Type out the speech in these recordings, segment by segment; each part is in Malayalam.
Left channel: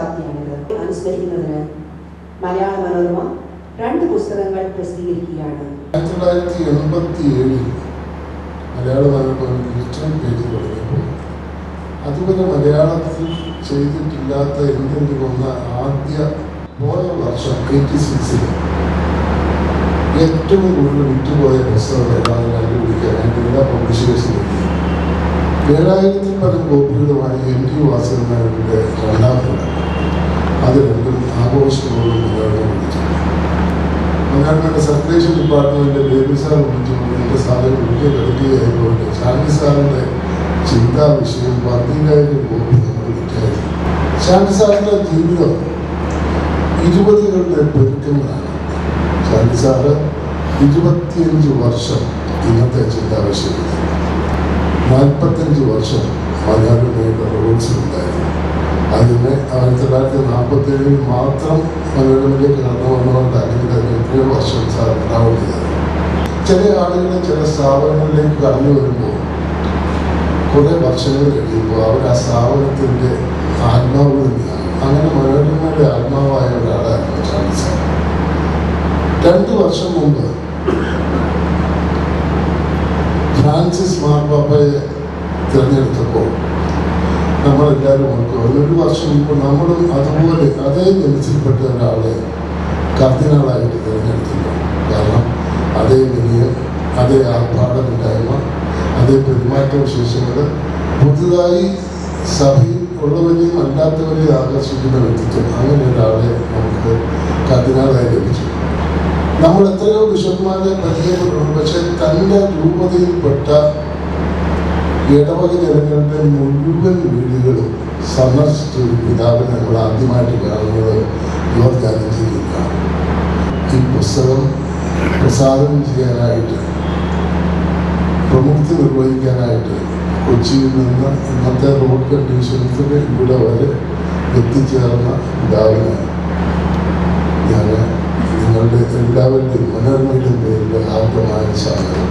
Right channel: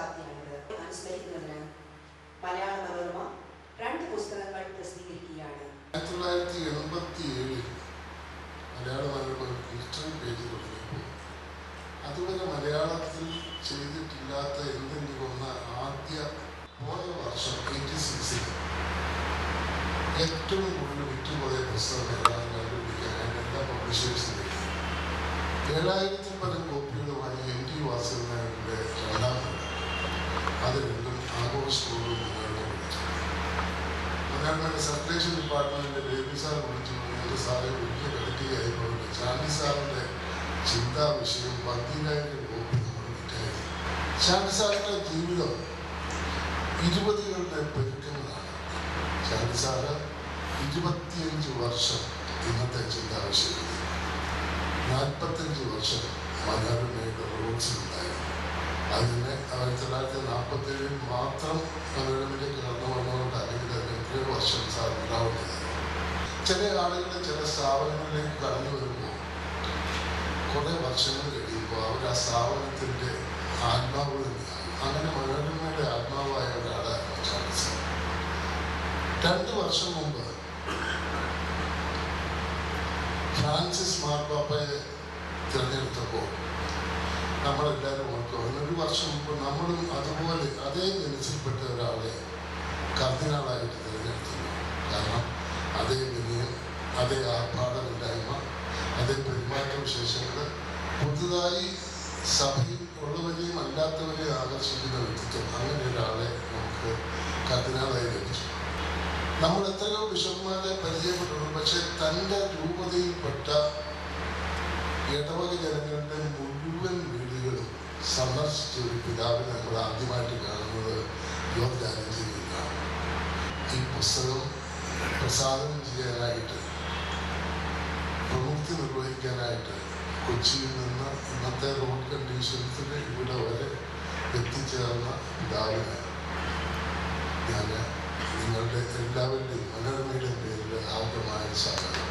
ശതാബ്ദിയാണിത്. അനുസ്മരിക്കുന്നതിന് മലയാള മനോരമ 2 പുസ്തകങ്ങൾ പ്രസിദ്ധീകരിക്കുകയാണ്. 1987 മലയാള മനോരമ ഡിജിറ്റൽ പേജ് തുടങ്ങിയപ്പോൾ അതുപോലെ മലയാളത്തിൽ ചെയ്തിട്ടില്ലാത്ത എന്തെങ്കിലും ഒന്ന് ആദ്യ പോയ വർഷം 86 ഏറ്റവും കൂടുതൽ വിറ്റുപോയ പുസ്തകം ഏതാണ് കണ്ടുപിടിക്കാൻ വേണ്ടി എല്ലാ പബ്ലിഷേഴ്സിനും 7000-ൽ പരം കോപ്പികളുമായി എം ടി വാസുദേവനായരുടെ രണ്ടാമത് അത് രണ്ടും ആഘോഷത്തോടും മനോരമ വിളിച്ചു. മനോരമയുടെ സർക്കുലേഷൻ ഡിപ്പാർട്ട്മെന്റിന്റെ ബേബി സാർ വിളിച്ചു. എൻ്റെ സാറ് വലിയ കളിക്കുകയായതുകൊണ്ട് ശാന്തി സാറിൻ്റെ ചിന്താ വിഷയം 15,000 കോപ്പി നമ്മൾ വിറ്റായിരുന്നു. ശാന്തി സാറിൻ്റെ ജീവിതം 20കളുടെ പെരുക്കങ്ങളാണ്. ശാന്തി സാറ് 25 വർഷം ഇന്നത്തെ ചിന്താ വിഷയം, 45 വർഷം മനോരമയുടെ റൂൾസ് ഉണ്ടായിരുന്നു. അതിനെ 1947 മാത്രം മനോരമയിലേക്ക് കടന്നു വന്നുകൊണ്ട് അല്ലെങ്കിൽ അതിന് എത്രയോ വർഷം സാർ ട്രാവൽ ചെയ്തത്. ചില ആളുകൾ ചില സ്ഥാപനങ്ങളിലേക്ക് കടന്നു വരുമ്പോൾ കുറേ വർഷങ്ങൾ കഴിയുമ്പോൾ അവർ ആ സ്ഥാപനത്തിൻ്റെ ആത്മാവ് തന്നെയാണ്. അങ്ങനെ മനോരമയുടെ ആത്മാവായ ഒരാളായിരുന്നു ശാന്തി സാർ. 2 വർഷം മുമ്പ് ഫ്രാൻസിസ് മാർപ്പാപ്പയെ തിരഞ്ഞെടുത്തപ്പോൾ നമ്മളെല്ലാവരും ഓർക്കും. 1 വർഷം മുമ്പ് നമ്മളും അതുപോലെ അതേ ജനസിൽപ്പെട്ട ഒരാളെ കർദിനാളായിട്ട് തിരഞ്ഞെടുത്തില്ല. കാരണം അതേ വിനയം, അതേ ആർഭാടമില്ലായ്മ, അതേ പെരുമാറ്റ വിശേഷങ്ങൾ പുതുതായി സഭയിൽ ഉള്ളവരെയും അല്ലാത്തവരെയും ആകർഷിക്കുന്ന വ്യക്തിത്വം, അങ്ങനെ ഒരാളെ നമുക്ക് കർദിനാളായി ലഭിച്ചു. നമ്മൾ എത്രയോ ബിഷപ്പ്മാരെ പരിചയപ്പെട്ടിട്ടുണ്ട്. പക്ഷെ തൻ്റെ രൂപതയിൽപ്പെട്ട ഇടവക ജനങ്ങളുടെ മുഴുവൻ വീടുകളും സന്ദർശിച്ച ഒരു പിതാവിനെ നമ്മൾ ആദ്യമായിട്ട് കാണുന്നത് യുവജാതിയിലാണ്. ഈ പുസ്തകം പ്രസാദനം ചെയ്യാനായിട്ട്, പ്രമുക്തി നിർവഹിക്കാനായിട്ട് കൊച്ചിയിൽ നിന്ന് ഇന്നത്തെ റോഡ് കണ്ടീഷൻസിൽ ഇവിടെ വരെ എത്തിച്ചേർന്ന പിതാവിനെ ഞാൻ നിങ്ങളുടെ എല്ലാവരുടെയും മനോരമയുടെ പേരിൽ ആർദ്രമായ സ്വാഗതം.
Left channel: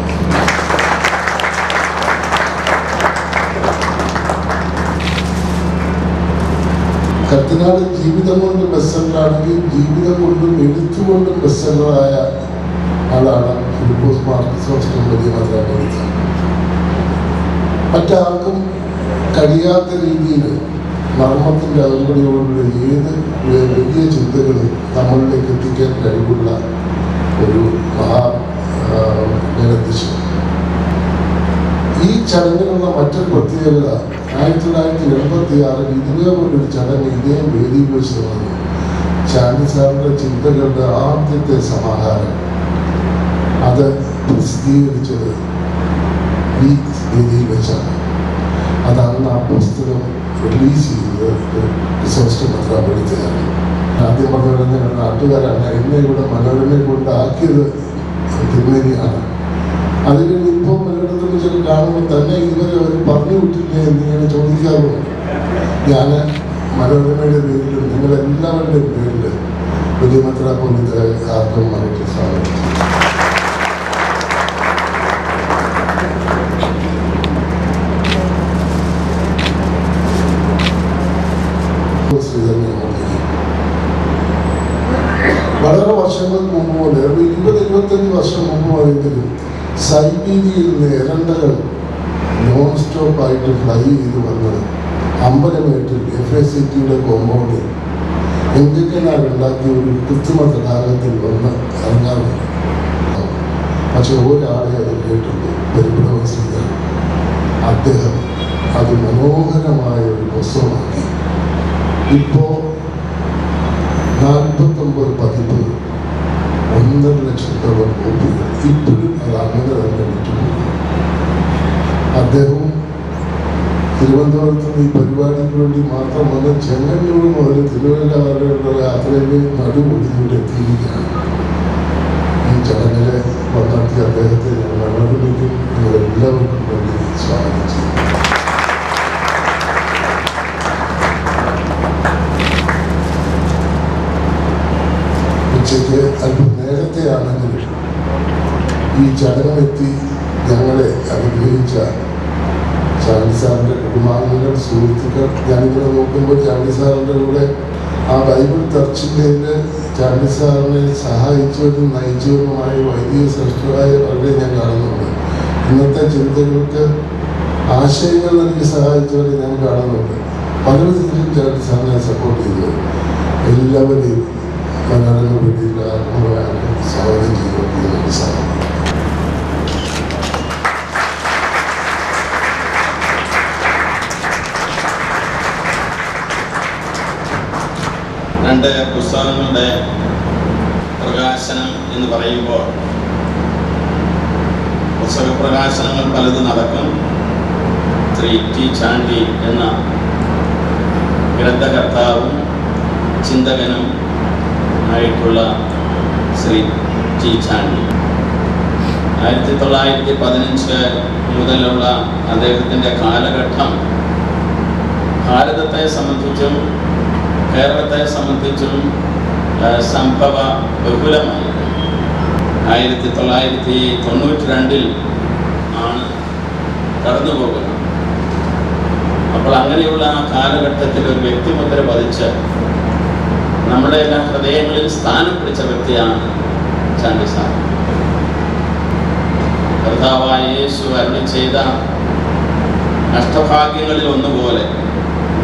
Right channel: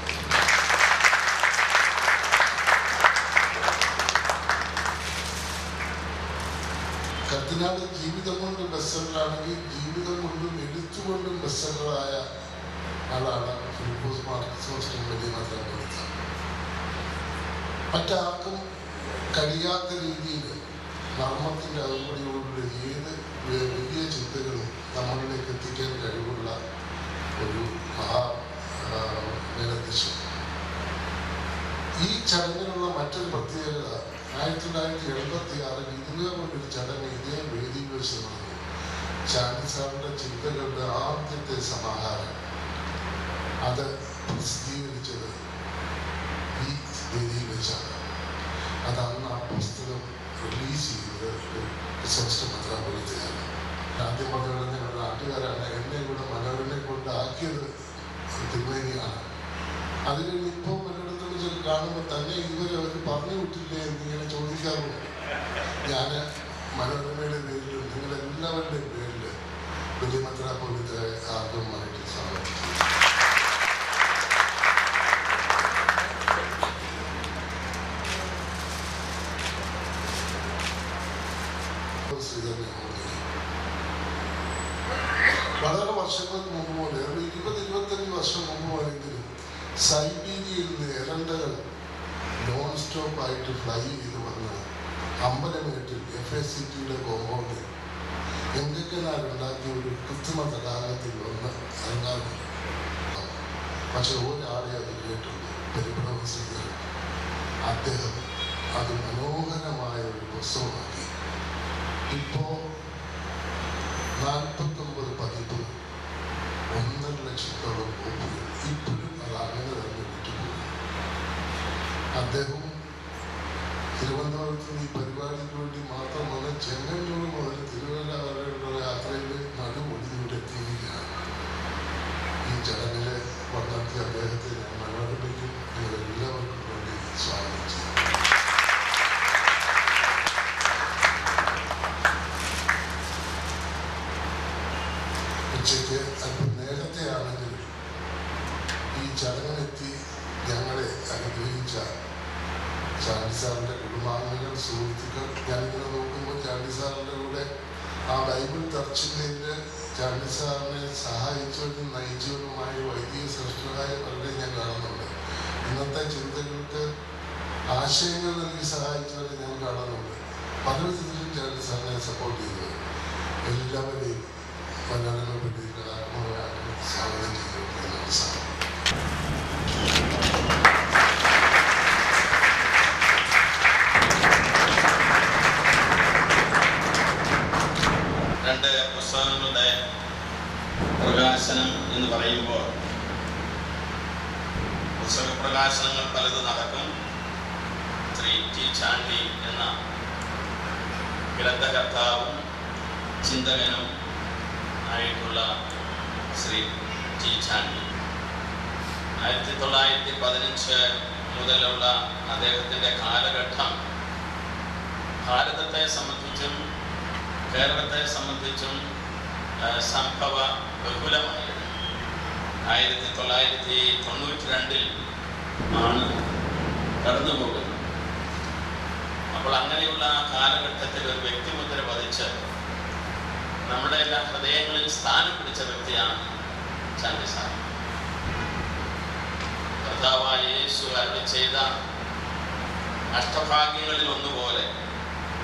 കർദിനാൾ ജീവിതം കൊണ്ട് ബെസ്റ്റ്സെല്ലറാണെങ്കിൽ ജീവിതം കൊണ്ടും എഴുത്തുകൊണ്ടും ബെസ്റ്റ്സെല്ലറായ ആളാണ് ഫിലിപ്പോസ് മാർക്കിസോസ് വലിയ മെത്രാപ്പൊലീത്ത. മറ്റാർക്കും കഴിയാത്ത രീതിയിൽ നർമ്മത്തിൻ്റെ അകമ്പടിയോടുള്ള ഏത് വലിയ ചിന്തകളും നമ്മളിലേക്ക് എത്തിക്കാൻ കഴിവുള്ള ഒരു മഹാദിശ. ഈ ചടങ്ങിനുള്ള മറ്റൊരു പ്രത്യേകത, 1986 ഇതുപോലൊരു ചടങ്ങ് ഇതേ വേദിയിൽ വെച്ച് വന്നു. ശാന്തി സാറിൻ്റെ ചിന്തകളുടെ ആദ്യത്തെ സമാഹാരം അത് പ്രസിദ്ധീകരിച്ചത് ഈ വേദിയിൽ വെച്ചാണ്. അതാണ് ആ പുസ്തകം റിലീസ് ചെയ്തത് റിസർച്ച് മെത്രാപ്പൊലീത്തയാണ്. ആദ്യം മനോരമ നാട്ടുകാരാണ് എന്നെ ഇവിടെ മനോരമയെ കൊണ്ടാക്കിയത് തിരുമേനിയാണ്. അതിൽ ഇപ്പോൾ പലയിടത്തും ചില കാണുമ്പോൾ തന്നെ ഇതുവരെ അവർ പറഞ്ഞു വിട്ടില്ലേ എന്നിങ്ങനെ ചോദിക്കാറുണ്ട്. ഞാൻ മനോരമയുടെ പേരിലും നിങ്ങളെല്ലാവരുടെയും പേരിൽ വലിയ മെത്രാപ്പൊലീത്ത ആർദ്രമായിട്ട് സ്വാഗതം. വളരെ വർഷങ്ങൾക്ക് മുമ്പ് പോലെ 20-25 വർഷം മുമ്പുമായെങ്കിലും സൈബീരിയയിൽ നിന്ന് എരണ്ടകൾ നോൺ സ്റ്റോപ്പ് ആയിട്ട് ഫ്ലൈ ചെയ്ത് വന്ന് അമ്പലമേട്ടിൽ FACT-യുടെ കോമ്പൗണ്ടിൽ എങ്കിക്കനാരുണ്ടാക്കിയ ഒരു കൃത്രിമ തടാകത്തിൽ വന്ന് ഇറങ്ങാറുണ്ട്. പക്ഷെ ഒരാളെ അത് കേട്ടുള്ളൂ, പെരുമ്പടവ. അദ്ദേഹം അത് മനോഹരമായ ഒരു പുസ്തകമാക്കി. ഇപ്പോൾ 49 പതിപ്പ്, 1.5 ലക്ഷത്തോളം കോപ്പികൾ ഇപ്പോഴും അത് അങ്ങനെ തന്നെ വിറ്റുപോകും. അദ്ദേഹവും തിരുവനന്തപുരത്ത് ഈ പരിപാടിക്ക് വേണ്ടി മാത്രം വന്ന് ചെങ്ങന്നൂർ മുതൽ തിരുവല്ല വരെയുള്ള യാത്രയിൽ നടുപൊടിയൂടെ എത്തിയിരിക്കുകയാണ്. ഈ ചടങ്ങിലെ വന്നെത്തിയ അദ്ദേഹത്തെ ഞാൻ മനോരമയ്ക്കും നിങ്ങളെല്ലാവർക്കും വേണ്ടി സ്വാഗതം ചെയ്യും. ഉച്ചയ്ക്ക് അല്പം നേരത്തെയാണെങ്കിലും ഈ ചടങ്ങിലെത്തി ഞങ്ങളെ അനുഗ്രഹിച്ച ചാണ്ടി സാറിൻ്റെ കുടുംബാംഗങ്ങൾ, സുഹൃത്തുക്കൾ, ഞാനിങ്ങനെ നോക്കുമ്പോൾ ചാണ്ടി സാറിൻ്റെ കൂടെ ആ ബൈബിൾ തർച്ചിലയിൽ ചാണ്ടി സാറിനെ സഹായിച്ചവരും നയിച്ചവരുമായ വൈദിക ശ്രേഷ്ഠരായ പലരെ ഞാൻ കാണുന്നുണ്ട്. ഇന്നത്തെ ചിന്തകൾക്ക് ആശയങ്ങൾ നൽകി സഹായിച്ചവരെ ഞാൻ കാണുന്നുണ്ട്. പല വിധത്തിലും ചാണ്ടി സാറിനെ സപ്പോർട്ട് ചെയ്തത് എല്ലാവരെയും മനോരമ വേദിയിൽ ആത്മീയമായി സ്വാഗതം ചെയ്തുകൊണ്ടിരുന്ന സാധനം. രണ്ട് പുസ്തകങ്ങളുടെ പ്രകാശനം എന്ന് പറയുമ്പോൾ പുസ്തക പ്രകാശനങ്ങൾ പലതും നടക്കും. ശ്രീ ടി ചാണ്ടി എന്ന ഗ്രന്ഥകർത്താവും ചിന്തകനും ആയിട്ടുള്ള ശ്രീ ടി ചാണ്ടി 1915 മുതലുള്ള അദ്ദേഹത്തിൻ്റെ കാലഘട്ടം ഭാരതത്തെ സംബന്ധിച്ചും കേരളത്തെ സംബന്ധിച്ചും സംഭവ ബഹുലമായി. 1992 ആണ് കടന്നു പോകുന്നത്. അപ്പോൾ അങ്ങനെയുള്ള ആ കാലഘട്ടത്തിൽ ഒരു വ്യക്തിമുദ്ര പതിച്ച് നമ്മുടെ എല്ലാ ഹൃദയങ്ങളിൽ സ്ഥാനം പിടിച്ച വ്യക്തിയാണ് ചാണ്ടി സാർ. കർത്താവായ യേശു അരുളി ചെയ്ത അഷ്ടഭാഗ്യങ്ങളിൽ ഒന്നുപോലെ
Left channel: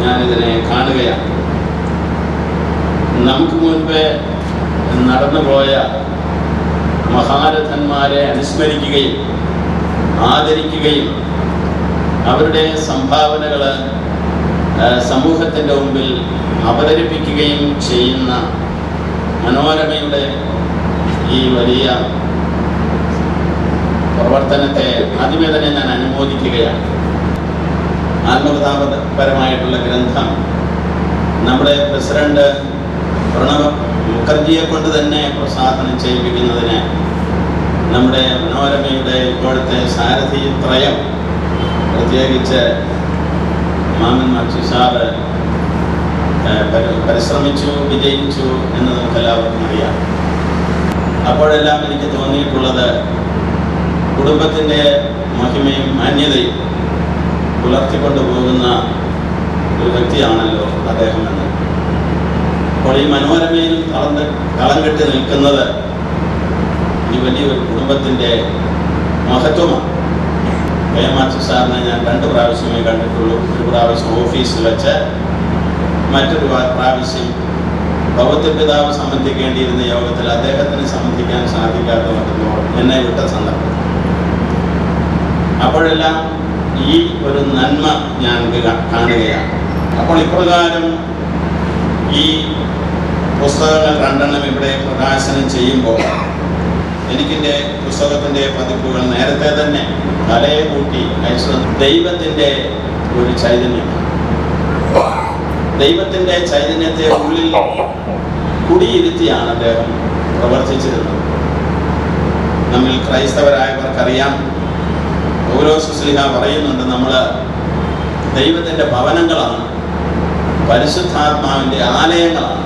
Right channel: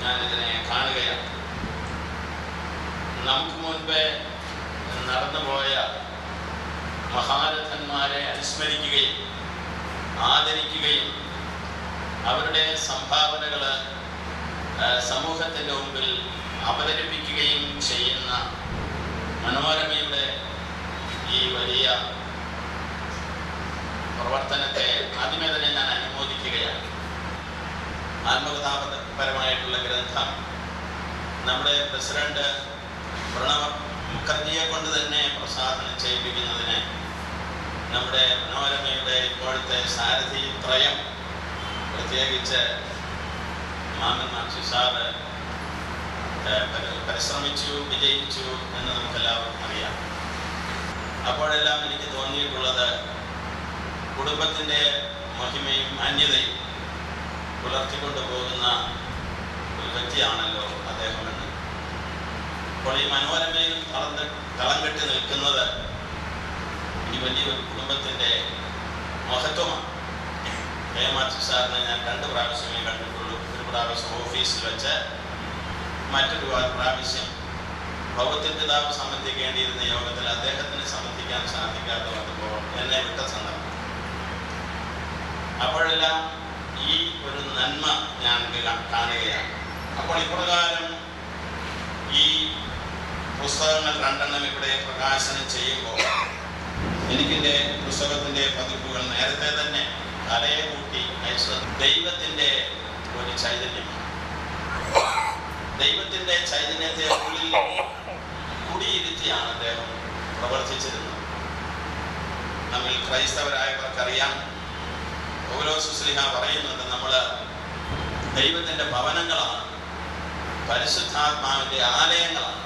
ഞാനിതിനെ കാണുകയാണ്. നമുക്ക് മുൻപേ നടന്നുപോയ മഹാരഥന്മാരെ അനുസ്മരിക്കുകയും ആദരിക്കുകയും അവരുടെ സംഭാവനകൾ സമൂഹത്തിൻ്റെ മുമ്പിൽ അവതരിപ്പിക്കുകയും ചെയ്യുന്ന മനോരമയുടെ ഈ വലിയ പ്രവർത്തനത്തെ ആദ്യമേ തന്നെ ഞാൻ അനുമോദിക്കുകയാണ്. ആത്മകഥാപരമായിട്ടുള്ള ഗ്രന്ഥം നമ്മുടെ പ്രസിഡന്റ് പ്രണവ് മുഖർജിയെ കൊണ്ട് തന്നെ പ്രസാദനം ചെയ്യിപ്പിക്കുന്നതിന് നമ്മുടെ മനോരമയുടെ ഇപ്പോഴത്തെ സാരഥി ത്രയം, പ്രത്യേകിച്ച് മാമൻ മാച്ചി സാറ് പരിശ്രമിച്ചു, വിജയിച്ചു എന്ന് നമുക്കെല്ലാവർക്കും അറിയാം. അപ്പോഴെല്ലാം എനിക്ക് തോന്നിയിട്ടുള്ളത് കുടുംബത്തിൻ്റെ മഹിമയും മാന്യതയും പുലർത്തിക്കൊണ്ടു പോകുന്ന ഒരു വ്യക്തിയാണല്ലോ അദ്ദേഹം എന്ന്. അപ്പോൾ ഈ മനോരമയിലും കളം കെട്ടി നിൽക്കുന്നത് ഈ വലിയൊരു കുടുംബത്തിൻ്റെ മഹത്വമാണ്. മാച്ചി സാറിനെ ഞാൻ 2 പ്രാവശ്യമേ കണ്ടിട്ടുള്ളൂ. ഒരു പ്രാവശ്യം ഓഫീസിൽ വെച്ച്, മറ്റൊരു പ്രാവശ്യം ഭൗത്യപിതാവ് സംബന്ധിക്കേണ്ടിയിരുന്ന യോഗത്തിൽ അദ്ദേഹത്തിന് സംബന്ധിക്കാൻ സാധിക്കാതെ വന്നപ്പോൾ എന്നെ വിട്ട സന്ദർഭം. അപ്പോഴെല്ലാം ഈ ഒരു നന്മ ഞാൻ കാണുകയാണ്. അപ്പോൾ ഇപ്രകാരം ഈ പുസ്തകങ്ങൾ 2 ഇവിടെ പ്രകാശനം ചെയ്യുമ്പോൾ എനിക്കെൻ്റെ പുസ്തകത്തിൻ്റെ പതിപ്പുകൾ നേരത്തെ തന്നെ തലയെ കൂട്ടി അയച്ചത് ദൈവത്തിൻ്റെ ഒരു ചൈതന്യമാണ്. ദൈവത്തിൻ്റെ ചൈതന്യത്തെ ഉള്ളിൽ കുടിയിരുത്തിയാണ് അദ്ദേഹം പ്രവർത്തിച്ചിരുന്നത്. നമ്മിൽ ക്രൈസ്തവരായവർക്കറിയാം, പൗലോസ് ശ്ലീഹ പറയുന്നുണ്ട്, നമ്മൾ ദൈവത്തിൻ്റെ ഭവനങ്ങളാണ്, പരിശുദ്ധാത്മാവിൻ്റെ ആലയങ്ങളാണ്.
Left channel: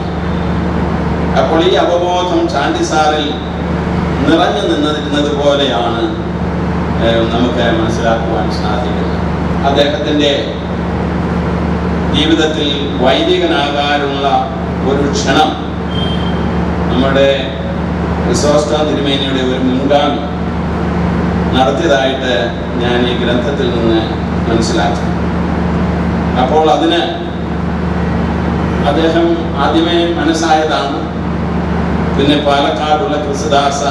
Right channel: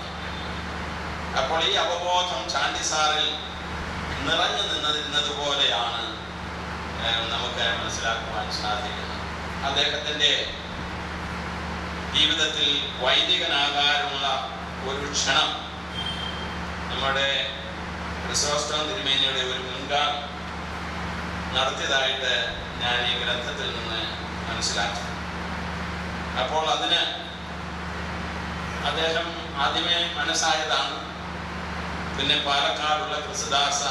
അപ്പോൾ ഈ അവബോധം ചാണ്ടി സാറിൽ നിറഞ്ഞു നിന്നിരുന്നത് പോലെയാണ് നമുക്ക് മനസ്സിലാക്കുവാൻ സാധിക്കുന്നത്. അദ്ദേഹത്തിൻ്റെ ജീവിതത്തിൽ വൈദികനാകാനുള്ള ഒരു ക്ഷണം നമ്മുടെ ക്രിസോസ്റ്റം തിരുമേനിയുടെ ഒരു മുൻഗാമി നടത്തിയതായിട്ട് ഞാൻ ഈ ഗ്രന്ഥത്തിൽ നിന്ന് മനസ്സിലാക്കി. അപ്പോൾ അതിന് അദ്ദേഹം ആദ്യമേ മനസ്സായതാണ്. പിന്നെ പാലക്കാടുള്ള ക്രിസ്തുദാസ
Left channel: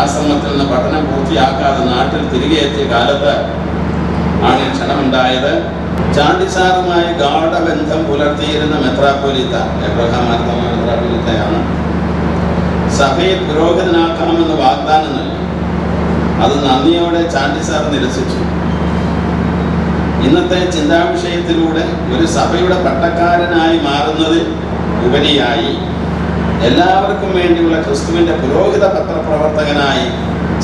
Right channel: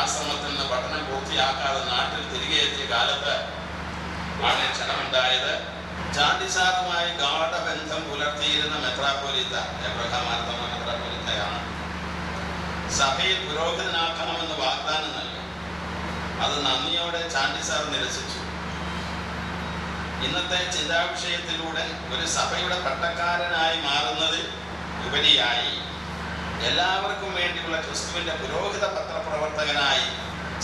ആശ്രമത്തിൽ നിന്ന് പഠനം പൂർത്തിയാക്കാതെ നാട്ടിൽ തിരികെ എത്തിയ കാലത്ത് ആണ് ക്ഷണമുണ്ടായത്. ചാണ്ടി സാറുമായി ഗാഢബന്ധം പുലർത്തിയിരുന്ന മെത്രാപ്പൊലീത്ത എബ്രഹാം മാർത്തോമ മെത്രാപ്പൊലീത്തയാണ് സഭയെ പുരോഗതനാക്കണമെന്ന് വാഗ്ദാനം നൽകി. അത് നന്ദിയോടെ ചാണ്ടി സാർ നിരസിച്ചു. ഇന്നത്തെ ചിന്താവിഷയത്തിലൂടെ ഒരു സഭയുടെ പട്ടക്കാരനായി മാറുന്നതിൽ ഉപരിയായി എല്ലാവർക്കും വേണ്ടിയുള്ള ക്രിസ്തുവിൻ്റെ പുരോഹിത പത്രപ്രവർത്തകനായി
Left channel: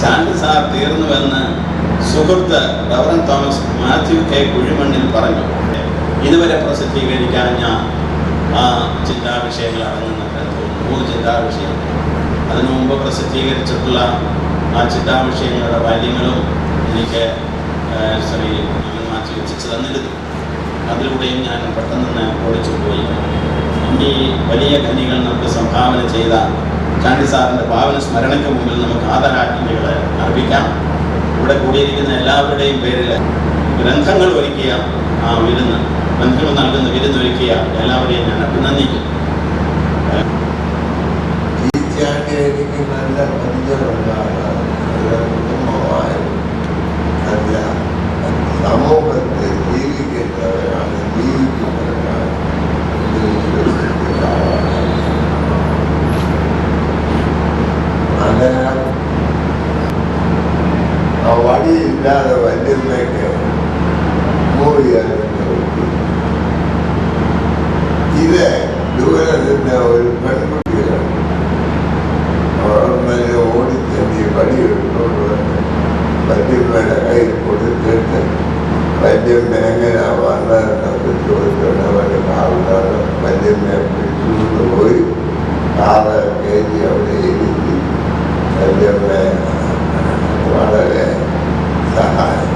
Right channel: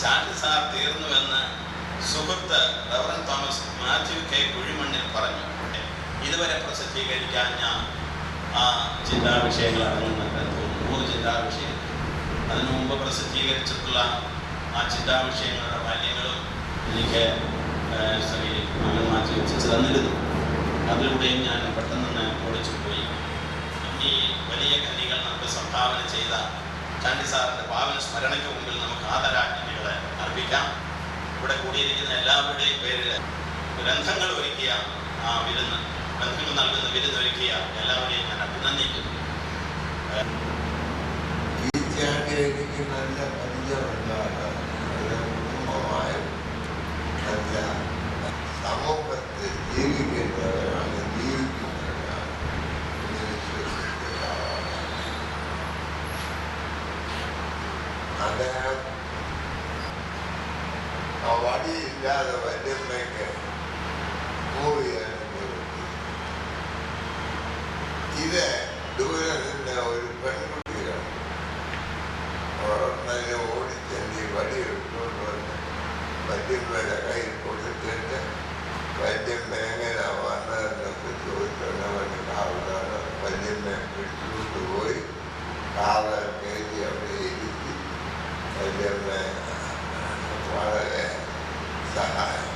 ചാണ്ടി സാർ തീർന്നുവെന്ന് സുഹൃത്ത് റവറൻ തോമസ് മാത്യു കെ കുഴിമണ്ണിൽ പറഞ്ഞു. ഇതുവരെ പ്രസിദ്ധീകരിക്കാൻ ആ ചിന്താവിഷയങ്ങൾ അടങ്ങുന്ന 3 ചിന്താവിഷയങ്ങൾ, അതിനു മുമ്പ് പ്രസിദ്ധീകരിച്ചിട്ടുള്ള ആ ചിന്താവിഷയങ്ങളുടെ വാല്യങ്ങളും എനിക്ക് ശ്രീ മാത്യു എത്തിച്ചു തന്നിരുന്നു. അതിലൂടെയും ഞാൻ പെട്ടെന്ന് ഓടിച്ചു പോയി. ഈ വലിയ ഖനികൾ നമുക്ക് സംഭാവന ചെയ്ത ചാണ്ടി സാറിൻ്റെ പാവന സ്മരണയ്ക്ക് മുമ്പിൽ നമുക്ക് ആദരാജ്ഞലികൾ അർപ്പിക്കാം. ഇവിടെ കൂടിയിരിക്കുന്ന എല്ലാവരുടെയും പേരിൽ ഗ്രന്ഥങ്ങൾ ഒരുക്കിയ ആ വിരുന്ന്, ഗ്രന്ഥങ്ങൾ നൽകുന്ന വിരുന്നൊരുക്കിയ എല്ലാവരെയും ഞാൻ അഭിനന്ദിക്കുന്നു. എനിക്ക് നല്ല പരിചയമുണ്ടാകാൻ കുടുംബമായ നല്ല സമൂഹത്തിൽ ജീവിക്കുന്നവരാണ്, ജീവിക്കുന്നവരാണ്. അദ്ദേഹം ആ വടിയില്ലാതെ വല്യമ്മയ്ക്ക് മൂടിയായിരുന്നു. ഇത് ദൂരെ നിന്ന് ഒരു പെൺകുട്ടിയാണ് ഓടിച്ചെന്ന് വടിയെടുത്തോണ്ട് വന്ന് വല്യമ്മയുടെ കയ്യിൽ കൊടുത്തിട്ട് വല്യമ്മ എങ്ങനെ വന്നതെന്നൊക്കെ ചോദിച്ചോണ്ട് അവരുടെ കാറിലാണ് വല്യമ്മയെ പിടിച്ചുകൊണ്ട് പോയി കാറ് കയറ്റി അവിടെ ഇരുത്തി വല്യമ്മയെ വളരെ സഹായം.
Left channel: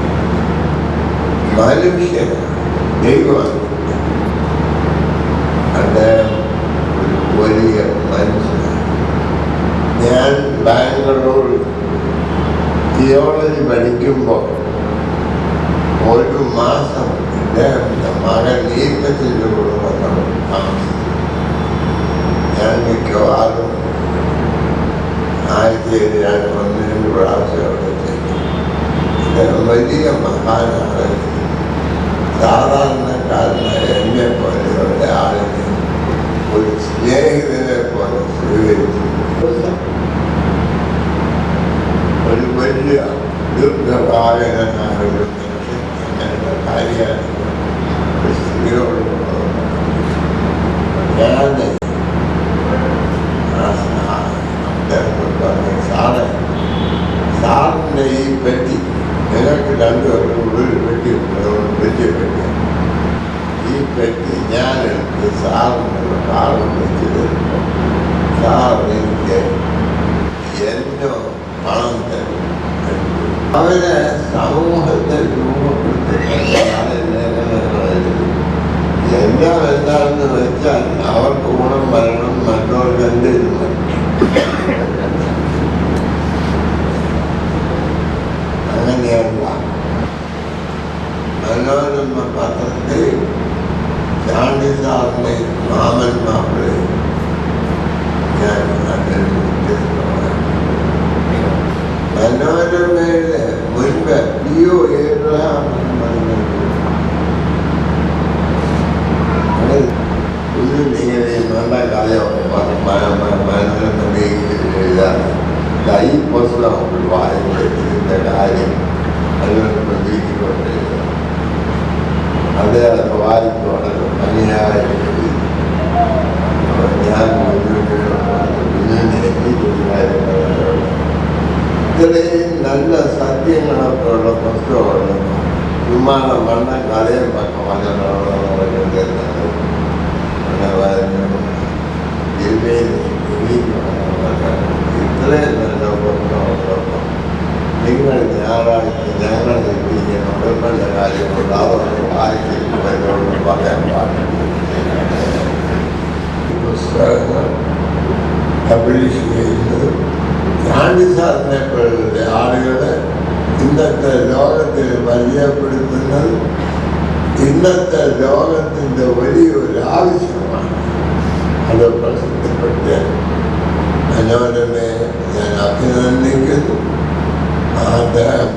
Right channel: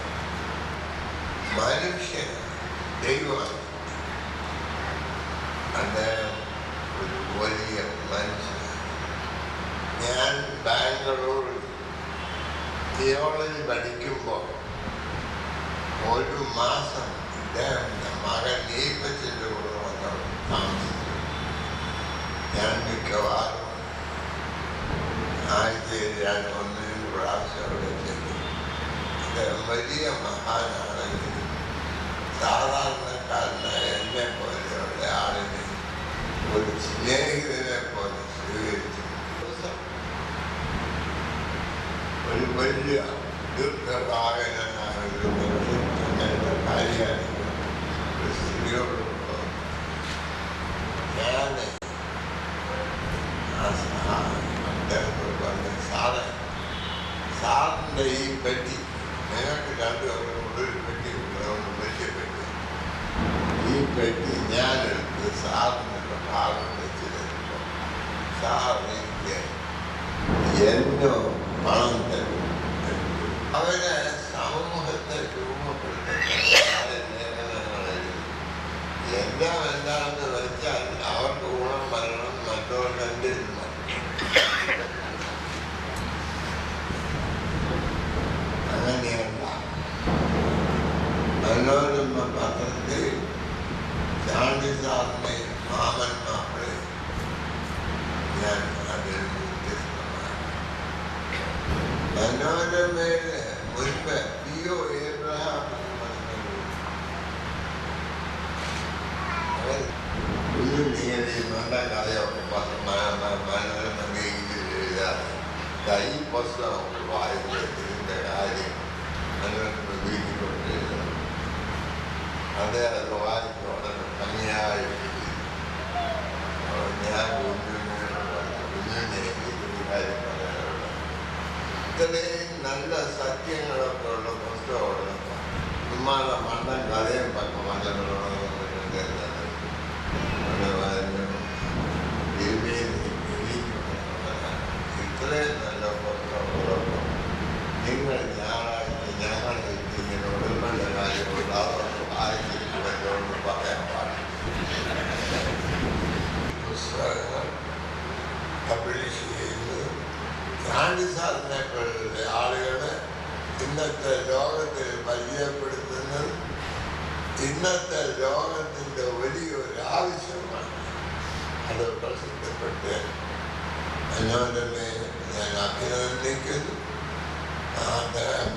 മനുഷ്യൻ ദൈവമാണ്. അദ്ദേഹം ഒരു വലിയ മനുഷ്യനാണ്. ഞാൻ ബാംഗ്ലൂർ തിയോളജി പഠിക്കുമ്പോൾ ഒരു മാസം അദ്ദേഹത്തിൻ്റെ മകൻ ഈപ്പത്തിൻ്റെ കൂടെ വന്നു താമസിച്ചു. ഞാൻ മിക്കവാറും ആഴ്ചയിൽ ഞാൻ 1-2 പ്രാവശ്യം അവിടെ ചെയ്തു. അദ്ദേഹം വലിയ മഹാനാണ്. സാധാരണക്കാരനായ എന്നെ പോലെ ഒരാളിനെ ഒരു സ്നേഹിതനെ പോലെ സ്വീകരിച്ചു. ഒരു വലിയ ദീർഘകാലനായ ഒരു മനുഷ്യൻ അങ്ങനെയുള്ള കാര്യമാണ് ഒരു സ്ത്രീയോട് ഞാൻ അദ്ദേഹത്തോട് പറഞ്ഞു, സാറിൻ്റെ ഈ പെട്ടി ഞങ്ങൾക്ക് 2 പേർക്ക് ഉള്ളിൽ പെട്ടിയുണ്ട്, വലിയ പെട്ടി. ഈ പെട്ടി ഞാനെടുത്ത് സാറിനുള്ള കാലം വെച്ച് തരുമ്പോൾ സാർ എനിക്ക് എന്നോ പണം തരും. അവരെ സമൂഹത്തെ രൂപപ്പെടുത്തുന്ന എല്ലാം എന്താണെന്ന് വെച്ചാൽ അവർക്ക് ഗുണം വരണം, മറ്റവർക്ക് എന്തെങ്കിലും വരണം. അങ്ങനെയല്ല. മനോരമ പത്രത്തിൽ ചാണ്ടി സാറിനെ മാമൻ മാപ്പിളെ ഞാൻ അതിൽ വ്യത്യസ്തമാണ്. മനോരമയുടെ മുൻപ് പിഒ ഏബ്രഹാം ഇങ്ങനെ നല്ല കഥയോ മനോരമ എഴുതാറ്. ഈ പുസ്തകം വായിച്ചതിൻ്റെ കാര്യം അതിനോട് പ്രതീക്ഷിക്കൊണ്ട് എഴുതാം. അത് വായിച്ചു വളരെ ഭംഗിയായി ഞാൻ ഇത്രയും നല്ല സത്യങ്ങളൊക്കെ ഉള്ള പുസ്തകമുള്ള വിമാന മണ്ണ കഥയും ഇത്രയും നല്ല പുസ്തകങ്ങളൊക്കെ നിങ്ങൾ ഞായറാഴ്ച ഞങ്ങൾ എത്തിക്കുന്ന ഉടമ്പന്റെ കാര്യമുണ്ട്. അതൊക്കെ വായിച്ചിട്ട് എന്നോട് പറയാൻ പാടില്ല. പുസ്തകങ്ങൾ പബ്ലിഷ് ചെയ്യുന്നത് ചാണ്ടി സാറിനെ പോലുള്ള ആളുകളെ ഇന്നത്തെ ലോകത്തിൽ പരിചയപ്പെടുത്തുന്നത് ഇന്നത്തെ ലോകത്തിൻ്റെ വലിയൊരു ആവശ്യമാണ്. അത് പ്രസിദ്ധപ്പെട്ട് മനോരമയെ ഞാൻ അഭിനന്ദിക്കുന്നു. അദ്ദേഹം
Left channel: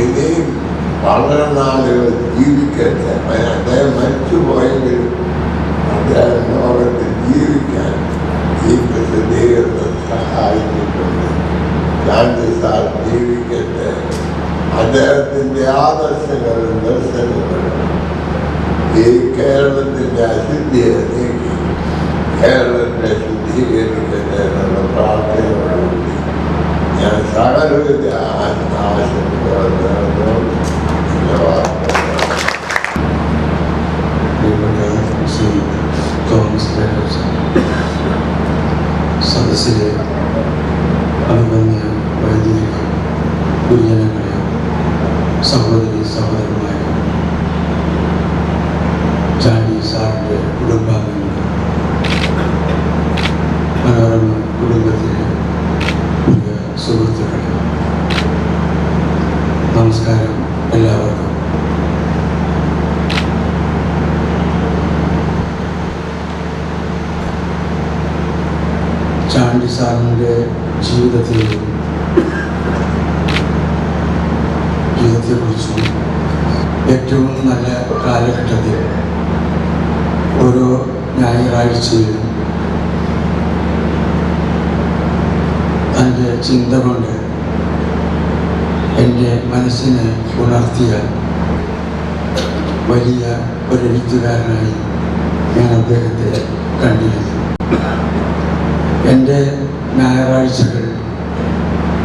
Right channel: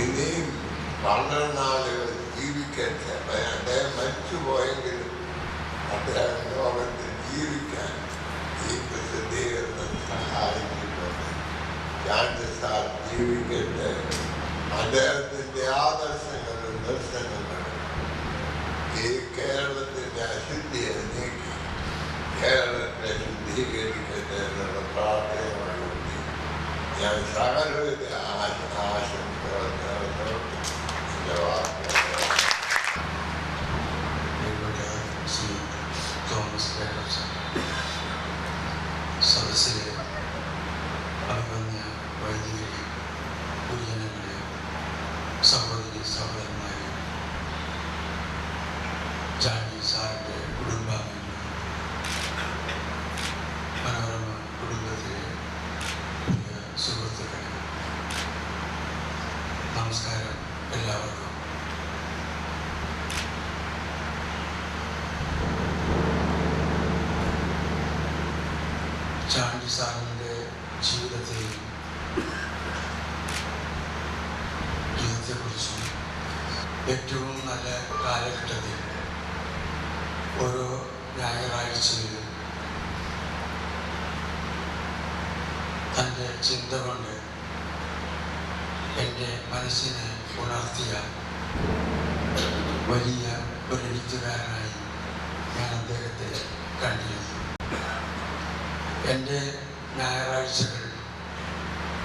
ഇനിയും വളരെ നാളുകൾ ജീവിക്കട്ടെ. അദ്ദേഹം മരിച്ചുപോയെങ്കിലും അദ്ദേഹം ലോകത്തിൽ ജീവിക്കാൻ ഈ പ്രസിദ്ധീകരണം സഹായിച്ചിട്ടുണ്ട്. ചാണ്ടി സാർ ജീവിക്കട്ടെ. അദ്ദേഹത്തിൻ്റെ ആദർശങ്ങളും ദർശനങ്ങളും ഈ കേരളത്തിൻ്റെ അശുദ്ധിയെ നീക്കി കേരളത്തെ ശുദ്ധീകരിക്കട്ടെ എന്നുള്ള പ്രാർത്ഥനയോടുകൂടി ഞാൻ സകലവിധ ആശംസകൾ നേർന്നു. സദസ്സിലെ അഭിമന്യ വൈദികരെ, ഗുരുജനങ്ങളെ, സഹോദരി സഹോദരന്മാരെ, ചാണ്ടി സാറിൻ്റെ കുടുംബാംഗങ്ങളെ, മനോരമ കുടുംബത്തിലെ പ്രിയ സുഹൃത്തുക്കളെ, നമസ്കാരം എല്ലാവർക്കും. ചാണ്ടി സാറിൻ്റെ ജീവിതത്തെക്കുറിച്ചും ഏറ്റവും നല്ല കാലഘട്ടത്തിൽ ഓരോ ഞായറാഴ്ചയിലും തൻ്റെ ചിന്ത കൊണ്ട് എൻ്റെ മനസ്സിനെ ഉണർത്തിയ വലിയ ഒരു എഴുത്തുകാരനായി ഞാൻ അദ്ദേഹത്തെ കണ്ടിരുന്നു. എൻ്റെ ഞായറാഴ്ചകൾ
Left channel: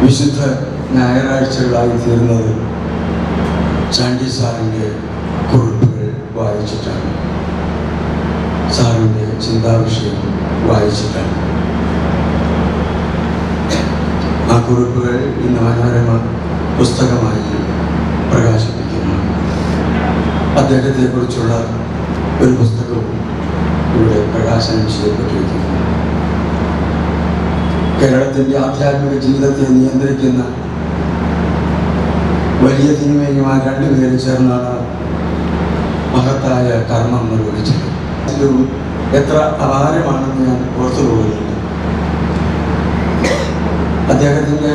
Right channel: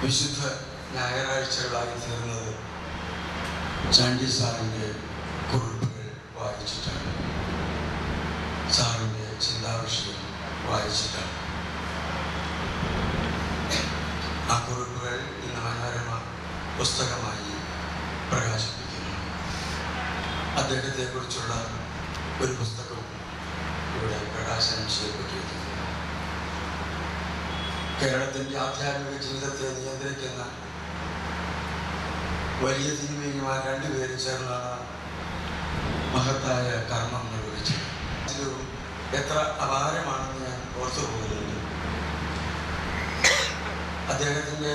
വിശുദ്ധ ഞായറാഴ്ചകളായി തീർന്നത് ചാണ്ടി സാറിൻ്റെ കുറിപ്പുകൾ വായിച്ചിട്ടാണ്, സാറിൻ്റെ ചിന്താവിഷയം വായിച്ചിട്ടാണ്. ആ കുറിപ്പുകൾ ഇന്ന് മനോരമ പുസ്തകമായി പ്രകാശിപ്പിക്കുന്നു. അദ്ദേഹത്തെക്കുറിച്ചുള്ള ഒരു പുസ്തകവും ഇവിടെ പ്രകാശനം ചെയ്യപ്പെട്ടിരിക്കുന്നു. കേരളത്തിൻ്റെ ആധ്യാത്മിക ജീവിതത്തെ നിയന്ത്രിക്കുന്ന വലിയ തിന്മയുമായി രണ്ടുപേരും ചേർന്നാണ് മഹത്തായ കർമ്മം നിർവഹിച്ചത്. ഇതിലും എത്ര അപാരമാണെന്ന് ഞാൻ ഓർത്തു പോകുന്നുണ്ട്. അദ്ദേഹത്തിൻ്റെ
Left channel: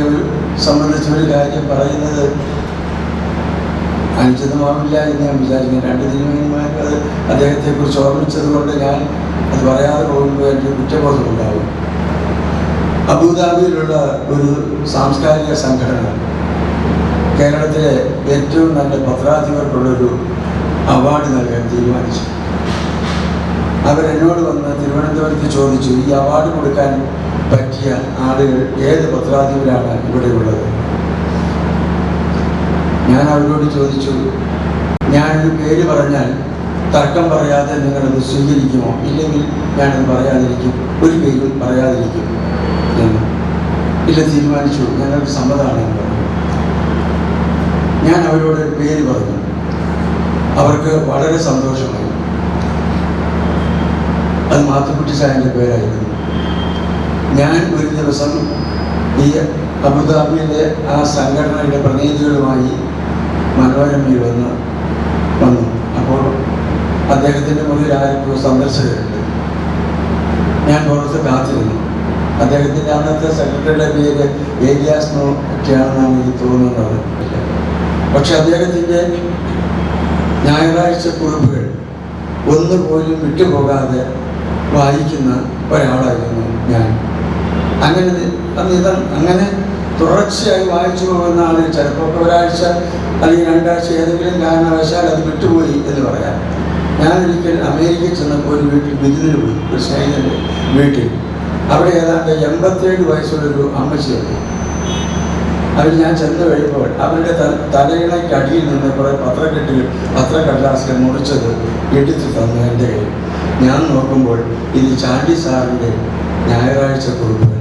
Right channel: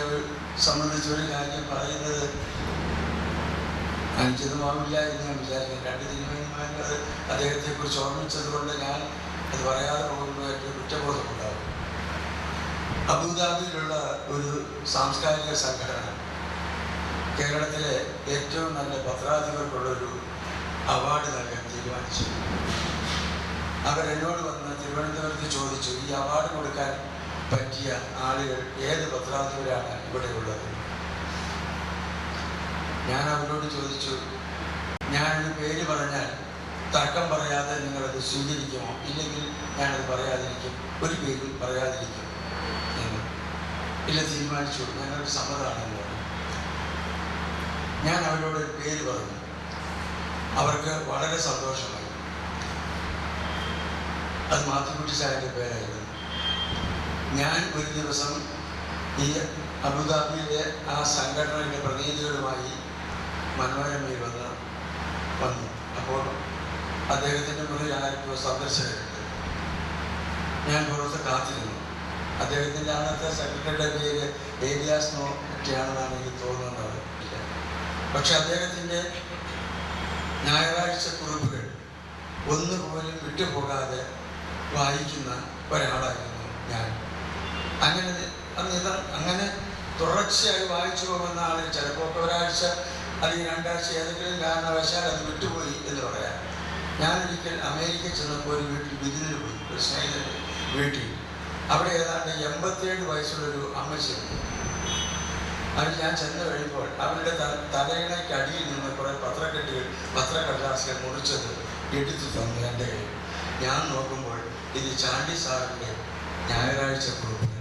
സംബന്ധിച്ച ഒരു കാര്യം പറയുന്നത് അനുചിതമാവില്ല എന്ന് ഞാൻ വിചാരിക്കുന്നു. രണ്ട് തിന്മയുമായിട്ട് അദ്ദേഹത്തെക്കുറിച്ച് ഓർമ്മിച്ചത് കൊണ്ട് ഞാൻ അത് പറയാതെ പോകുമ്പോൾ എനിക്ക് കുറ്റബോധമുണ്ടാവും. അബുദാബിയിലുള്ള ഒരു സാംസ്കാരിക സംഘടന കേരളത്തിലെ ഏറ്റവും നല്ല പത്രാധിപർക്കുള്ളൊരു അവാർഡ് നൽകാൻ തീരുമാനിച്ചു. അവരെന്നോട് വന്ന് തിരുവനന്തപുരത്ത് ചോദിച്ചു, ഈ അവാർഡ് കൊടുക്കാൻ പറ്റിയ ആളുകൾ ഏത് പത്രാധിപരാണ് ഇവിടെയുള്ളത്? ഞാൻ അവരോട് ചോദിച്ചു, ഞാനൊരു പേര് പറഞ്ഞാൽ തർക്കം പറയാതെ നിങ്ങളത് സ്വീകരിക്കുമോ? ഇല്ലെങ്കിൽ ഞാനത് പറയാതിരിക്കും, ഒരു പേരും പറയാതിരിക്കും എന്ന്. ഇല്ല, തീരുമാനിച്ചു, ഞങ്ങൾക്ക് സമ്മതമാണെന്ന് പറഞ്ഞു. ഞാൻ അവരോട് പേര് പറഞ്ഞു. അവർക്ക് വളരെ സന്തോഷമായി. അത് മാത്തുക്കുട്ടി സാറിൻ്റെ പേരായിരുന്നു. ഞാൻ ഒരു ദിവസം ഈ അബുദാബിയിലെ ആ സംഘടനയുടെ പ്രതിനിധികളുമായി മനോരമയിൽ വന്നു. അപ്പോൾ അദ്ദേഹത്തിൻ്റെ മുന്നിൽ ആരൊക്കെ സന്ദർശകരുണ്ട്. ഞാൻ പുറത്ത് കാത്തിരുന്നു. അദ്ദേഹത്തിൻ്റെ അന്നത്തെ സെക്രട്ടറിയുടെ പേര് ഏലിയാസ് ഒക്കെയാണെന്നാണ് എനിക്ക് തോന്നുന്നത്. പക്ഷെ അദ്ദേഹത്തിൻ്റെ ഞായറാഴ്ച കുറിപ്പുകൾ ഒന്നുപോലും വിട്ടുപോകാതെ വായിക്കുന്ന ഒരാളായിരുന്നു ഞാൻ. അങ്ങനെ തുടർച്ചയായി വായിച്ചു പോകുന്ന ആളുകൾ ചിലപ്പോൾ ഒരാഴ്ച അല്ലെങ്കിൽ രണ്ടാഴ്ച ഏതെങ്കിലും കാരണവശാൽ അത് വിട്ടുപോയി എന്ന് പറയാം. ഞാനൊരിക്കൽ അമേരിക്കയിൽ ചെന്നപ്പോൾ ഒരു വീട്ടിൽ വിരുന്നിന് പോയി, ഒരു സ്നേഹിതൻ്റെ വീട്ടിൽ. അവിടെ ഏതാണ്ട് 87 വയസ്സുള്ളൊരു അമ്മച്ചിയുണ്ട്. അവർ ഞാൻ ചെന്ന് കഴിയുമ്പോൾ അവരുടെ തലയിണയ്ക്ക് അടിയിൽ നിന്ന് കുറേ പത്രക്കടലാസുകൾ മുറിച്ചത് എടുത്തു തന്നു എൻ്റെ കയ്യിൽ. ഞാൻ നോക്കുമ്പോൾ ഇത് ചാണ്ടി സാറിൻ്റെ ഞായറാഴ്ച കുറിപ്പുകളാണ്.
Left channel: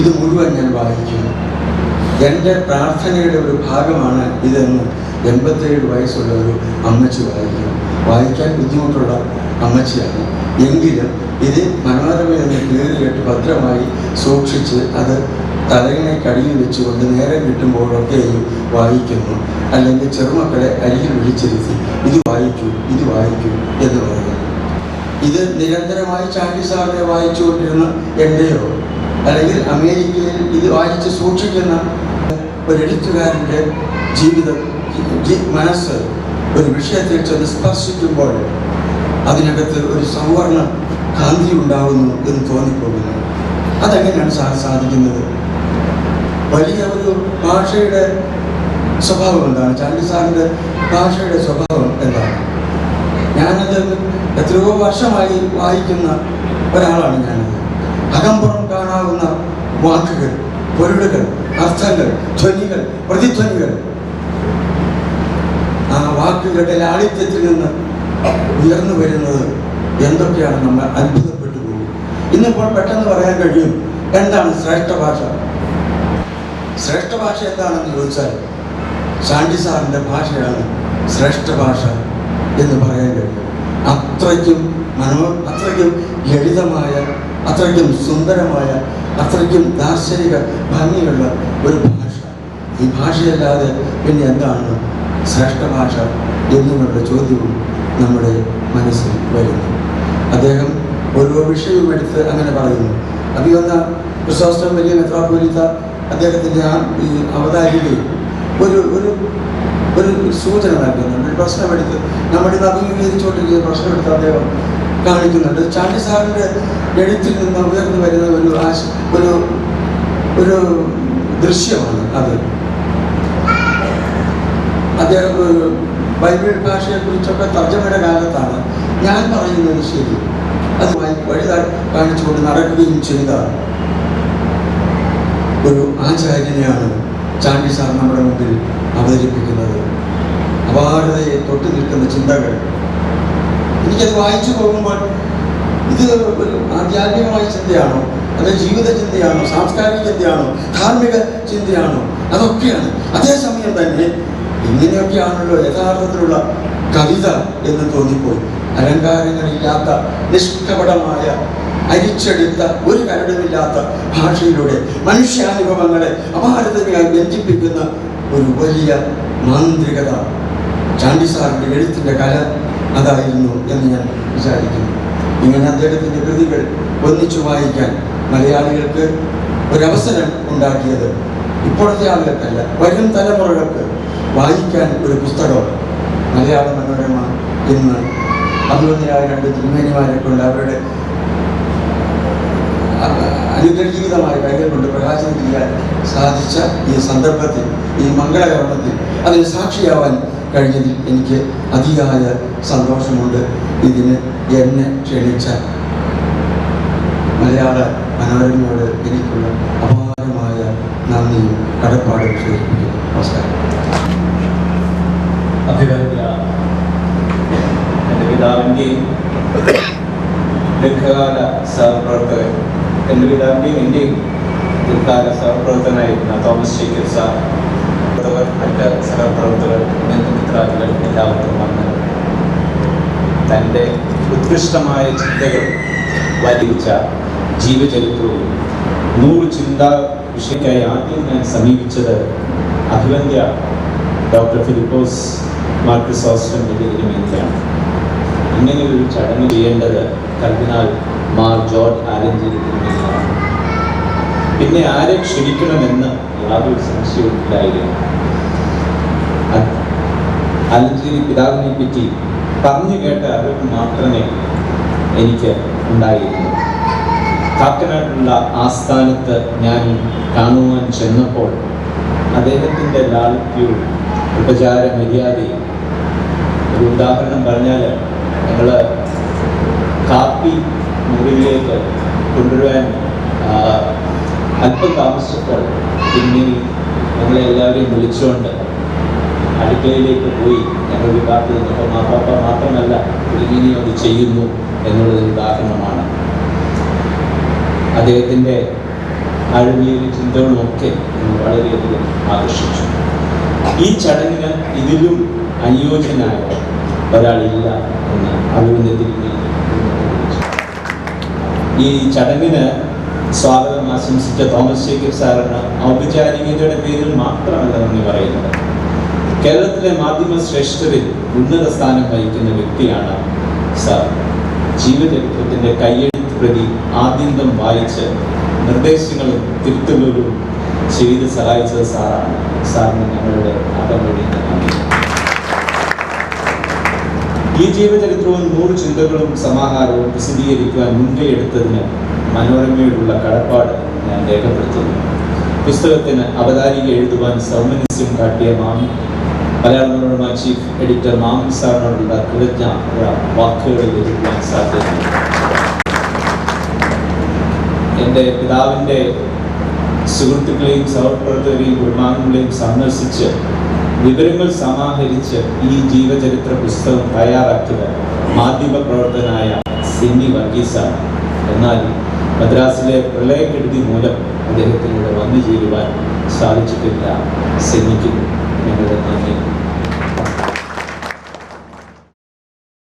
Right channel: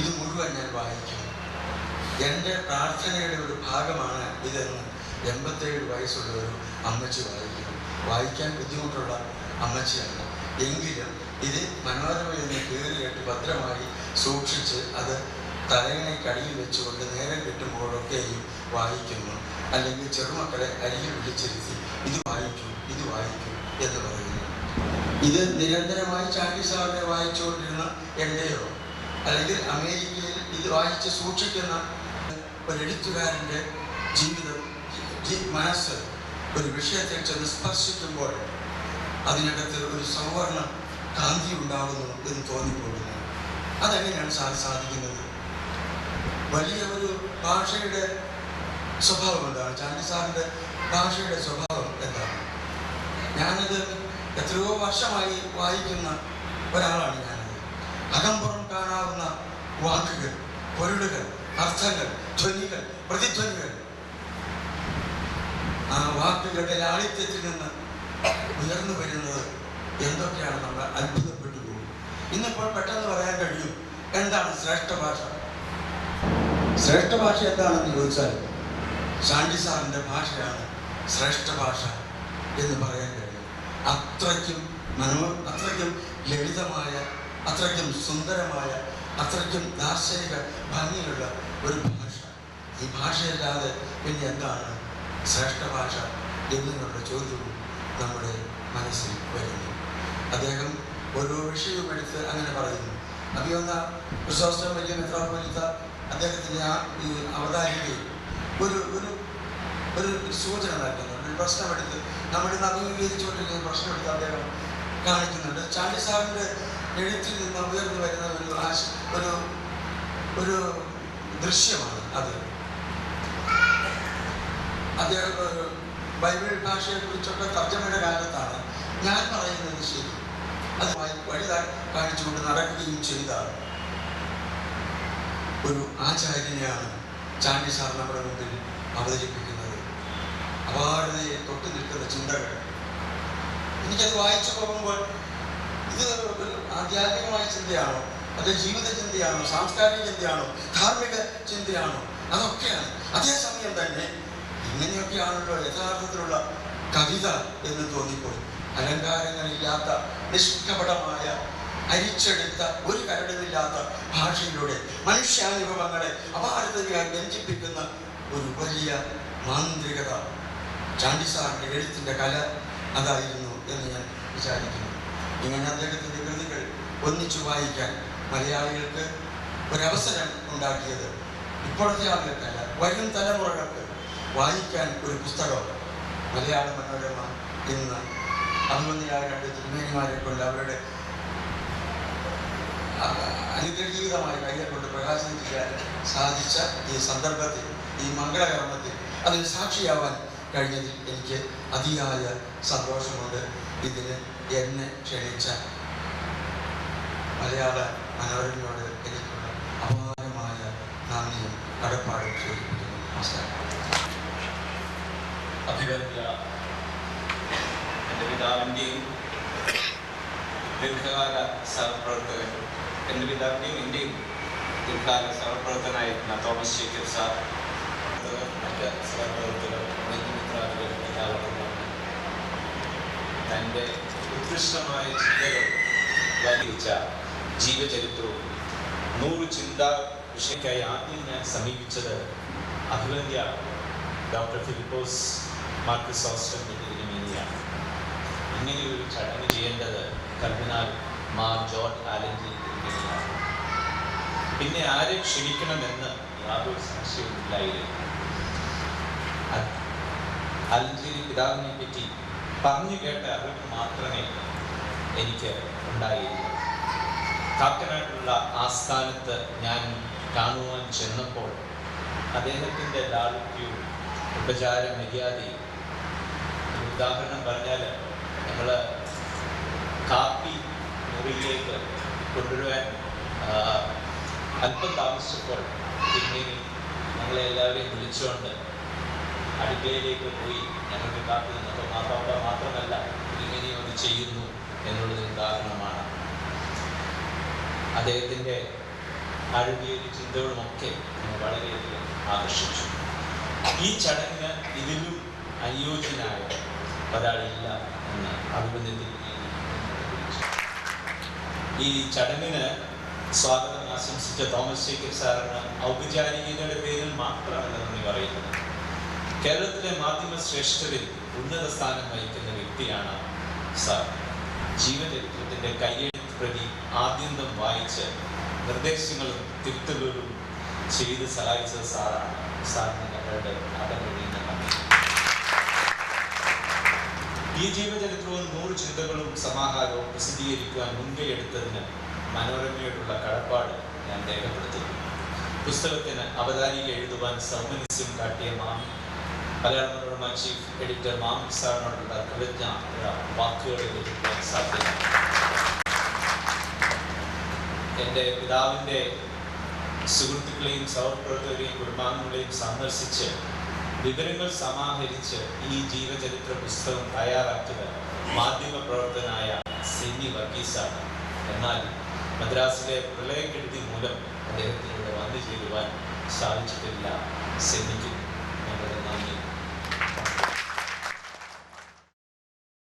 ഇത് മുഴുവൻ ഞാൻ വായിക്കുന്നു. എൻ്റെ പ്രാർത്ഥനയുടെ ഒരു ഭാഗമാണ് ഇതെന്ന് 87 വയസ്സുള്ള ഒരു അമ്മച്ചി വായിക്കാൻ ബുദ്ധിമുട്ടുള്ള അമ്മച്ചിയാണ്. എങ്കിലും ഇത് മനോരമയിൽ നിന്ന് കീറിയിട്ട് ഭദ്രമായി സൂക്ഷിച്ച് അത് തലയിണയ്ക്കടിയിൽ വെച്ചുകൊണ്ട് നേരം കിട്ടുമ്പോഴൊക്കെയും വായിക്കുന്നു. അല്ലെങ്കിൽ ചെറുമക്കളെ അരികിൽ വിളിച്ചിരുത്തി ഇത് വായിക്കൂ എന്ന് പറയുന്നു. ഇത് നിരന്തരമായി ചാണ്ടി സാറിനെ വായിച്ചുകൊണ്ടിരുന്ന എൻ്റെയോ അല്ലെങ്കിൽ അമേരിക്കയിൽ ഇത് വായിച്ച് സൂക്ഷിക്കുന്ന ഒരു എഴുത്തുകാരൻ്റെ ജീവിതം, മനസ്സ് ഒരു വിഷയത്തിൽ ചെന്ന് സ്പർശിക്കുമ്പോൾ അതിനകത്ത് ഒരു സൗവർണ കാന്തി ഉണ്ടാകുന്നു എന്ന് തോന്നിപ്പോകുന്നു. അതെങ്ങനെയാണ് സാധിക്കുന്നത്? വലിയ ഒരു ഭാഷയുടെ സ്വഭാവം എന്താണ്? ചാണ്ടി സാറിൻ്റെ ഭാഷയുടെ സ്വഭാവം എന്താണ്? ഞാനത് എത്രയോ വർഷമായി വായിക്കുന്ന ഒരാളാണ് ഞാനത്. അകമ്പുറം കാണാവുന്ന വാക്കുകൾ, പൊരുളുകൾ, അർത്ഥങ്ങൾ, ധ്വനികൾ, പ്രതിധ്വനികൾ, ആ വാക്കുകളുടെ ലാളിത്യത്തിൽ നിന്ന് ഉയർന്നു വരുന്നത് എന്തൊക്കെയാണ് നമ്മൾ അത്ഭുതപ്പെട്ടു പോകും. ഇന്നിപ്പോൾ പെട്ടെന്ന് പറയാൻ കഴിയും എന്താണ് ശ്രേഷ്ഠ ഭാഷ. ശ്രേഷ്ഠ ഭാഷ എന്താണെന്ന് ചോദിച്ചാൽ ചാണ്ടി സാറിൻ്റെ ഭാഷയാണ് ശ്രേഷ്ഠ ഭാഷ എന്ന് പറയാൻ കഴിയും. അത്രയ്ക്കും ലളിതമായ അത്രയ്ക്കും സുന്ദരമായ, അത്രയ്ക്കും ദാർശനിക ഭംഗിയുള്ള ഒരു ഭാഷ. ഈ ഭാഷയല്ലാതെ പിന്നെ എന്താണ് ശ്രേഷ്ഠ ഭാഷ എന്നുള്ള ചോദ്യവും നമ്മുടെ മനസ്സിൽ വരുന്നു. അദ്ദേഹം ഓരോ വിഷയവും എടുത്ത് അങ്ങനെ പറയുന്നു. അഭിവന്ന ക്രിസോസ്റ്റം വലിയ മെത്രാപ്പൊലീത്ത അദ്ദേഹത്തിൻ്റെ ഈ അവതാരികയിൽ ഒരു ഒരു ഒരു സൂചന നൽകുന്നുണ്ട്. ഒരു പ്രശ്നമെടുത്ത് നമ്മളിന്ന് അഭിമുഖീകരിച്ചുകൊണ്ടിരിക്കുന്ന പ്രശ്നമെടുത്ത് അദ്ദേഹം കാണിക്കുന്നുണ്ട്. ചാണ്ടി സാറിൻ്റെ എഴുത്തിൽ നിന്ന് ഉയർന്നു വരുന്ന ഒരു ദൃശ്യമാണ് അത്. അദ്ദേഹം ബൈബിൾ ഭാഷയെക്കുറിച്ചൊക്കെ തർജ്ജമയുടെ കാലത്താണ് ഞാൻ പറയുന്നത് ശരി, അതുമായി വഴി കാണിച്ചുകൊണ്ട് നടക്കുകയും ചെയ്ത ഒരു ആചാര്യനെയാണ് ചാണ്ടി സാർ നമ്മുടെ മുമ്പിൽ അവതരിപ്പിക്കുന്നത്. അപാരതയെ തൊട്ടു നിൽക്കുന്ന ചിന്തകൾ. എനിക്കത് വായിച്ചു പോകുമ്പോൾ ഇത് ഒരു ആധ്യാത്മികമായ ചിന്തയാണോ, അത് ജീവിത ചിന്തയാണോ, സാംസ്കാരിക ചിന്തയാണോ, ധാർമ്മിക ചിന്തയാണോ, അതൊക്കെയാണ്. അതേസമയം തന്നെ ഇങ്ങനെയൊക്കെയാണല്ലോ യഥാർത്ഥത്തിലുള്ള കവിത എന്ന് തോന്നിപ്പോയി. അലങ്കാരങ്ങളില്ലാത്ത നിഷ്കപടമായ അരിച്ചെടുത്ത ഒരു കരടുമില്ലാത്ത ഭാഷയിലൂടെ മനുഷ്യാനുഭവങ്ങളെ അപാരതയായി ബന്ധിപ്പിക്കുന്ന ഒരു വലിയ മാന്ത്രികത ചാണ്ടി സാറിൻ്റെ എഴുത്തിൻ്റെ കല അതായിരുന്നു എന്ന് ഞാൻ വിചാരിക്കുന്നു. ഇങ്ങനെ അദ്ദേഹത്തിൻ്റെ കൃതികൾ ഒന്നിച്ചു വായിക്കാൻ മലയാളികൾക്ക് ഒരവസരം ഉണ്ടാക്കിയത് ഇപ്പോഴത്തെ ആളുകൾക്കല്ല, വരും തലമുറകൾക്ക് വായിക്കാൻ ഒരു പുസ്തകം മലയാള മനോരമ ഇന്ന് അഭിവന്യരായ രണ്ട് തിരുമേനിമാരെ കൊണ്ട് അവരുടെ അനുഗ്രഹീതമായ കൈകൾ കൊണ്ട് പ്രകാശനം ചെയ്യാൻ സാധിച്ച ഈ സന്ദർഭത്തിൽ, ഈ മംഗളകർമ്മത്തിൽ അതിന് സാക്ഷിയാവാൻ കഴിഞ്ഞതിൽ എനിക്ക് അതിയായ സന്തോഷമുണ്ട്. ഇതിന് എന്നെ ക്ഷണിച്ച മലയാള മനോരമയോട് എനിക്കുള്ള അപാരമായ നന്ദിയും കടപ്പാടും സൂചിപ്പിക്കുന്നു. നമസ്കാരം. അഭിവന്യ എൻ്റെ പിതാവിൻ്റെയും ദീർഘകാല സഹപ്രവർത്തകൻ, എൻ്റെ പിതാവിൻ്റെയും എൻ്റെയും ദീർഘകാല സഹപ്രവർത്തകനായിരുന്ന തോമസ് ജേക്കബ് സാർ, മറ്റ് സഹപ്രവർത്തകർ, ബന്ധുമിത്രാദികൾ എല്ലാവർക്കും വന്ന് തൻ്റെ ഉത്കൃഷ്ടമായ ചിന്തകൾ വലിച്ച ജീവചരിത്രവും 100 ചിന്താ വിഷയക്കായി ആദ്യം ഞാൻ സമീപിച്ചത് അഭിവന്യ ഡോക്ടർ ഫിലിപ്പോസ് മാർ ക്രിസോസ്റ്റം തിരുമേനിയാണ്. ഇങ്ങനെയൊരു ചടങ്ങ് ചെയ്യേണ്ടത് കർദിനാൾ മാർ ജോർജ് ആലഞ്ചേരി തിരുമേനിയാണ്. പിന്നെ ആരെ ക്ഷണിക്കണമെന്ന് യാതൊരു സംശയവുമില്ലായിരുന്നു. ആലഞ്ചേരി പിതാവിനെ പറ്റി പറഞ്ഞു കേട്ട അറിവ് മാത്രമേ എനിക്ക് ഉണ്ടായിരുന്നു. കാക്കനാടുള്ള ആസ്ഥാനത്ത് ഞാൻ കാണുവാൻ ചെന്നപ്പോൾ അദ്ദേഹത്തിൻ്റെ ലാളിത്യവും ഉപചാര മര്യാദയും, ഒരു ഉദാഹരണം പറഞ്ഞാൽ, ഞങ്ങൾ കാപ്പി മുറിയിലേക്ക് കൊണ്ടുവരാൻ അല്പം താമസിച്ചപ്പോൾ പിന്നീട് ഞങ്ങളെ എല്ലാവരെയും വിളിച്ചുകൊണ്ട് അടുക്കളയിലേക്ക് പോയി ഞങ്ങൾക്ക് കാപ്പി തന്നപ്പോൾ മാപ്പാപ്പ മാത്രമല്ല ഇങ്ങനെയും അത് ചെയ്യുന്നു എന്നുള്ളൊരു ഉദാഹരണമാണ്. അദ്ദേഹത്തിൻ്റെ ആഴമേറിയ ചിന്തകളുമൊക്കെ വളരെയധികം ആകർഷിച്ചു. ഈ ചടങ്ങിന് ഇതിലും അനുയോജ്യനായ ഒരാളില്ല എന്ന് അഭിവന്ദത്തിൽ ഈ ചടങ്ങിന് സ്വാഗതം ആശംസിച്ച തോമസ് ജേക്കബ് സാറിന് ഔപചാരികതയുടെ പേരിൽ മാത്രമല്ല നന്ദി പറയുന്നത്. കേരളത്തിലെ മാധ്യമ ശ്രേഷ്ഠരിൽ ഉന്നത സ്ഥാനം വഹിക്കുന്ന വ്യക്തിയാണ് സാർ. ജീവചരിത്രത്തിൻ്റെ കയ്യെഴുത്ത് പ്രതി ആദ്യന്തം വായിച്ച് നിർദ്ദേശങ്ങളും തിരുത്തലുകളും ചെയ്ത് സഹായിച്ചത് സാറാണ്. സാറിന് ഞങ്ങളുടെ ആദം കഴിയുന്ന നന്ദി. ഈ ജീവചരിത്രവും 100 ചിന്തകളും സമാഹാരവും പ്രസിദ്ധീകരിക്കുവാൻ മുൻകൈയെടുത്തതിന് മനോരമയോടുള്ള കടപ്പാട് ഞാൻ രേഖപ്പെടുത്തുന്നു. പുസ്തകത്തിന് അവതാരിക എഴുതുവാൻ സൗമനസ്യം കാട്ടിയ മലയാള മനോരമ ചീഫ് എഡിറ്റർ മാമൻ സാറിനോടുള്ള കൃതജ്ഞ വാക്കുകളിൽ എഴുതുവാൻ സാധ്യതയുണ്ട്. എൻ്റെ പിതാവിൻ്റെ സുഹൃത്തുക്കളെയും സഹപ്രവർത്തകരെയും കുടുംബാംഗങ്ങളെയും സന്ദർശിച്ച് വിവരങ്ങൾ സമാഹരിച്ച് ഈ ജീവചരിത്ര പുസ്തകം തയ്യാറാക്കിയത് മാധ്യമപ്രവർത്തകനായ സിന്നി വർഗീസാണ്. എന്നാൽ മദ്രാസിലെ പ്രളയക്കെടുതി മൂലം അദ്ദേഹത്തിലൂടെ വന്നു ചേരുവാൻ സാധിച്ചിട്ടില്ല. സിന്നിക്കും ഞങ്ങളുടെ നന്ദി